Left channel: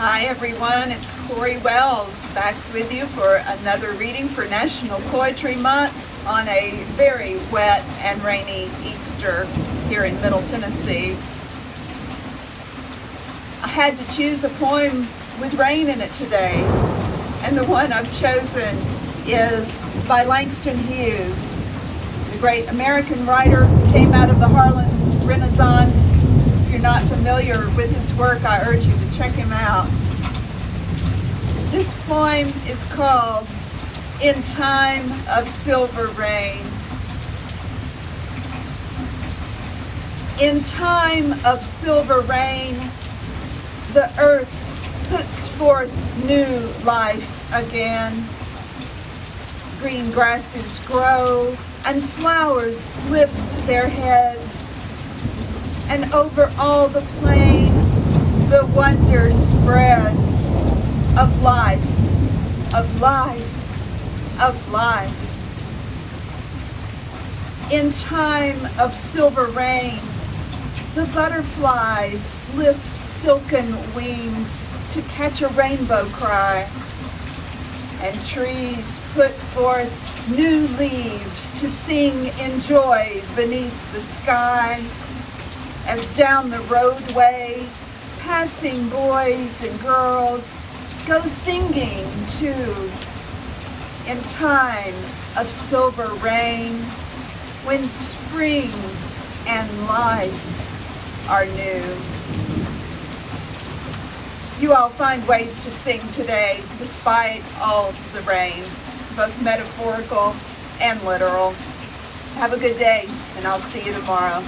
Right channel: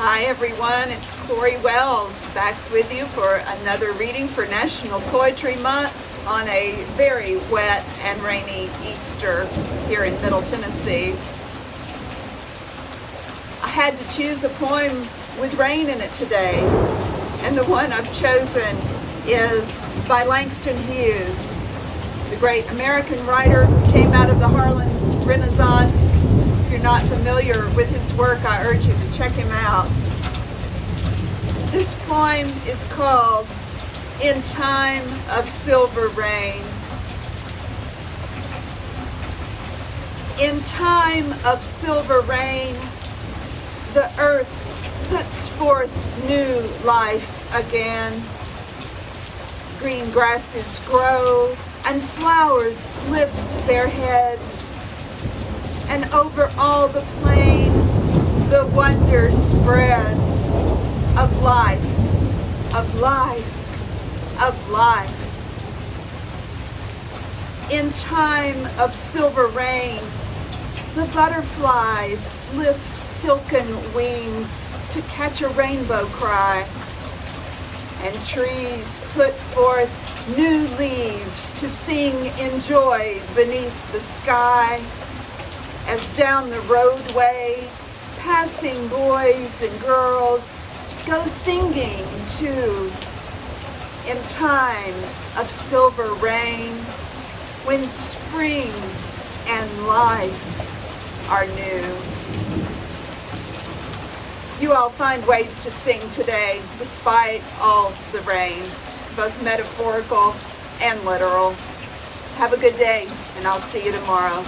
Hi everyone, it's Corey Wells back with you for another reading for National Poetry Month on a very wet and rainy Easter here in Middle Tennessee. I had to choose a poem with rain in it today, and the one I've chosen is by Langston Hughes, the great American writer who came out of the Harlem Renaissance. If you're not familiar with his work, I urge you to check him out. This poem is called In Time of Silver Rain. In time of silver rain, the earth puts forth new life again. Green grasses grow and flowers lift their heads, and over all the plain the wonder spreads of life, of life, of life. In time of silver rain, the butterflies lift silken wings to catch a rainbow cry, and trees put forth new leaves to sing in joy beneath the sky. As down the roadway, passing boys and girls go singing too. In time of silver rain, when spring and life are new. You all find ways to sing today, despite all the rain, both metaphorical and literal. Have a good day, and I'll see you tomorrow.